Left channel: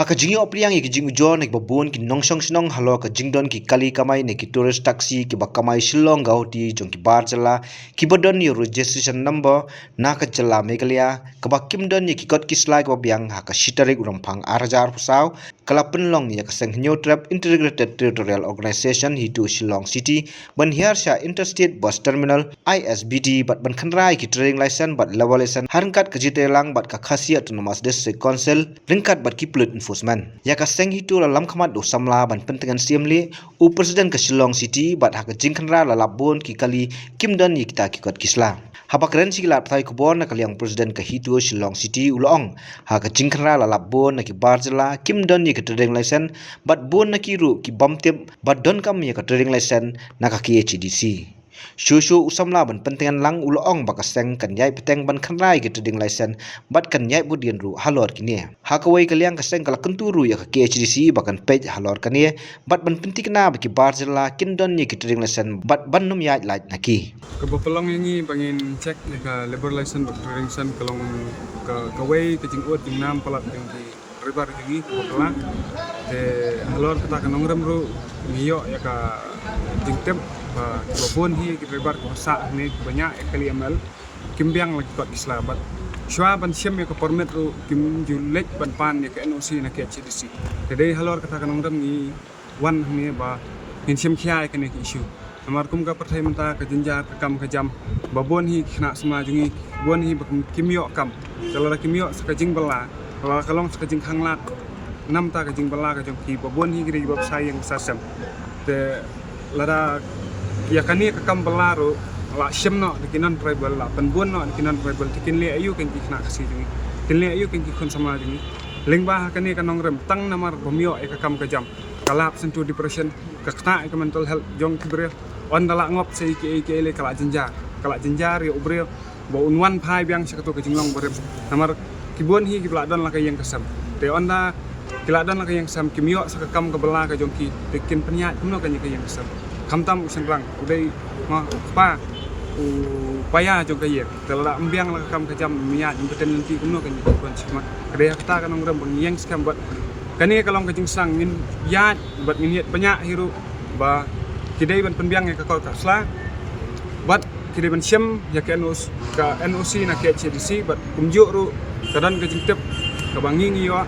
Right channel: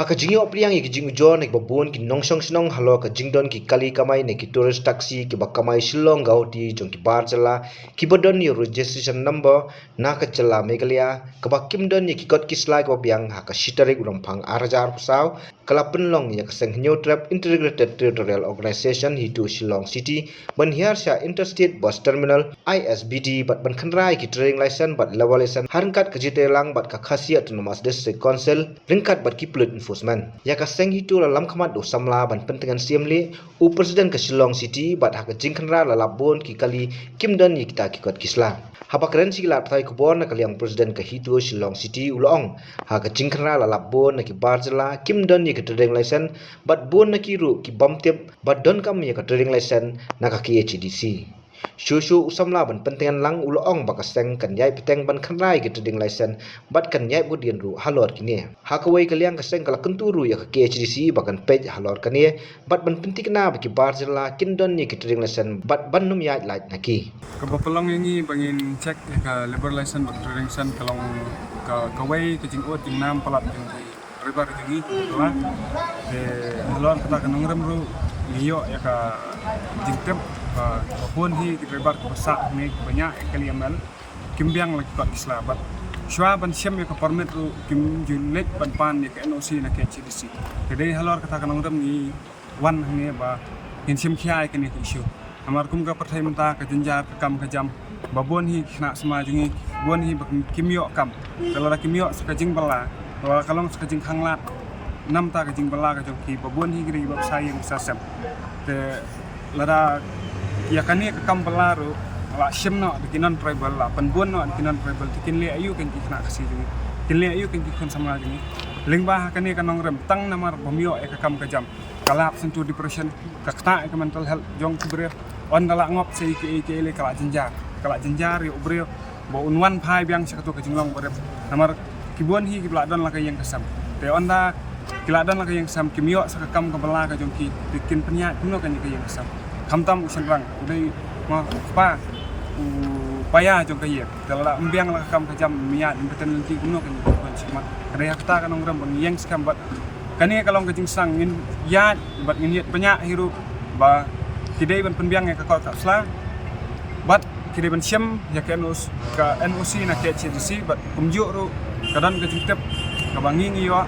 Haka jingi opriang ki jing ujon ki babun ki nongsong sinong halo ka jingdon ki kali kamai ne ki tourist taxi ki bakamai Shillong gauti jong ki bar jala ki bodon ni registration number na ka jala Meghalaya ka bakim don ni ki kot ki slide wa biang haka shitarik rompang arajar pusau kala penlong ya ka seng new trap integrated territorial organization hitu Shillong city ban hiar sha interstate bus terminal ISBT bat ban khanrai ki trading license bat level license harkat ka jitelang bat ka khasi autonomous district council ringkat bat ki plut enforcement ya ka seng hitu la lam khamat do samla ban pentengan siamli u president ka Shillong city bat ha ka jingkhanra la labon ki kali kimdan ni kita ki kot kisla haba keren sigla thai ko bon na kaliang president ka hitu Shillong city ulong ha ka jingkhanra la labon na ki barjala kimdan ni ka trading license bat bon na ki ru ki bamtep bat don kam ya ka trading license na ka ki HDC Shushu usamla ban pentingan lang ulong bakaseng kan yai peteng ban khanrai ke trading license bat kan yai budian ru halor kini hakawai kaliang kaseng kala kenturu ya ke HDC bakan page halor kani bat ban pentikna baki barjala kindon ni ke trading license bat ban num yai light naki kebetulan ini bangin cek ya ke labor license bak trading license kalong ke kawai ke jingot jing nam palat jing di ribar jingi kebetulan te halor kata kanongrem ru ngiyo ya ka jingtem walaupun hi kita lebar ke besar ni banyak kali amal kimbiang lagi kot islabat shwa ban siam ya ke permit ru kim julek ban pan ya ke NOC na ke HDC jadi halor kata kanong ram ni wan ni ba hin siam khia ke ni issue amar kum ka perthai menta ke jenjar ke kam ke jam babon hi khna sama jungi bon hi kimyo kam telara kimyo sakajing bala wala kalong sakajing khanglat nam ta ke jing bala ke jongki babon hi gri bab sayang sasam te lara ya kani ke kam balaru la shimno dikinan tribal la panbun no dikinan tribal dikin le ayu kan kikna kasi jungi kin le ayu kan kikon sama jungi lingba kani kanong rem tang namar bomyo e ke kam ke jam kalap sentu depression kakta ke mental health jong kibre on dala ngop sei ke le kala jenjar ya ubre bo unwan phai biang sakatu ke jinglong berem namar kibon hi kibla don la ke yang kesam te onda kiladan la ke yang sam kimyo sakakam ke bela ke jongki dikin penyat kuno kan ke yang kesam kamtam usan rang udai ma pa upaya jong kaya telada embiang la kam kajam miat impeten lenti kumno kan kon semat kadaya kata kan ngram bang yang skam bat kani kalong kajing sang ngin yat bat ngin banyak hiru ba kidai ban penbiang ya ka kota sla bat kidai ban siam ya ke NOC na ke HDC bat kumjuk ru kadan kajing tep ka bangi ngiwa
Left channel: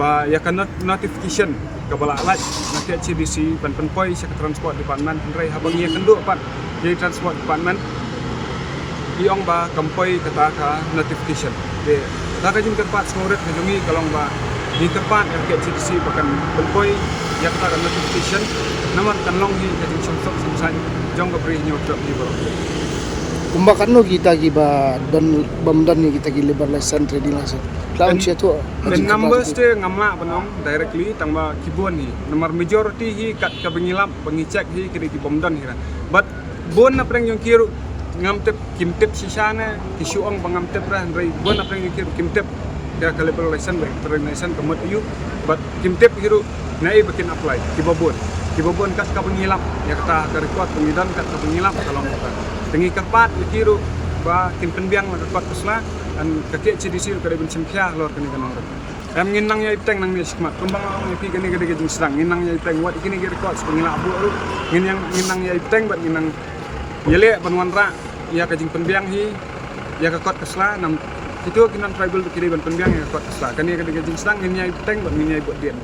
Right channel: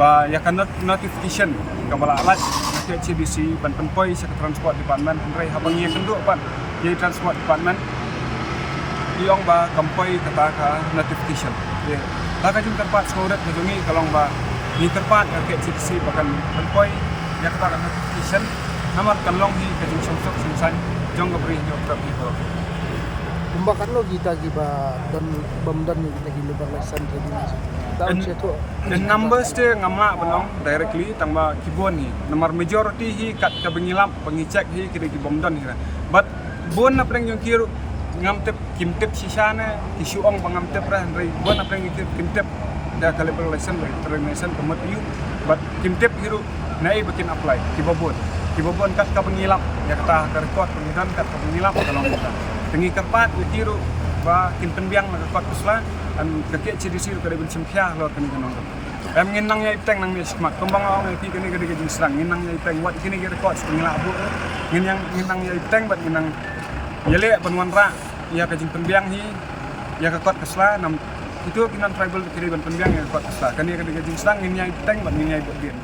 ba ya kan notification kabala alat na ke HDC ban penpoi sa transport department hendrai habang ya kenduk pan jadi transport department iong ba kampoi kata ka notification de ta ka jung terpat smoret ka jungi kalong ba ni terpat ya ke HDC bahkan penpoi ya kata ka notification namar kan long hi ka jing sok sangsan jong ka bri nyot trap hi borok kumbakan no kita giba dan bamdan ni kita gi lebar license trading license dan numbers te ngamla banong directly tangba kibon ni nomor majority hi kat ka bengilap bengicek hi kiri ki bomdan hi but bon na preng yung kiru ngamtep kimtep sisana kisuong bangamtep ra ndai bon na preng yung kiru kimtep da ka lebar license by trading license kamot ayu but kimtep hiru nai bakin apply kibobon kat ka bengilap ya kata ka record pengidan kat ka bengilap kalong kita tengi kerpat ya kiru ba kin penbiang la kot kesla an kakek CDC ka deben simkhia lor kani kanong em nginang ya ipteng nang ni skmat kumbang ong pi kani gede jing serang nginang ya ipteng wat kini ge record pengila abu nginang ya ipteng bat nginang yele banwan ra ya ka jing penbiang hi ya ka kot kesla nam itu kinan tribal kiri ban penbiang ya kot kesla kani gede jing serang ngin ya ipteng bat ngin ya buat dien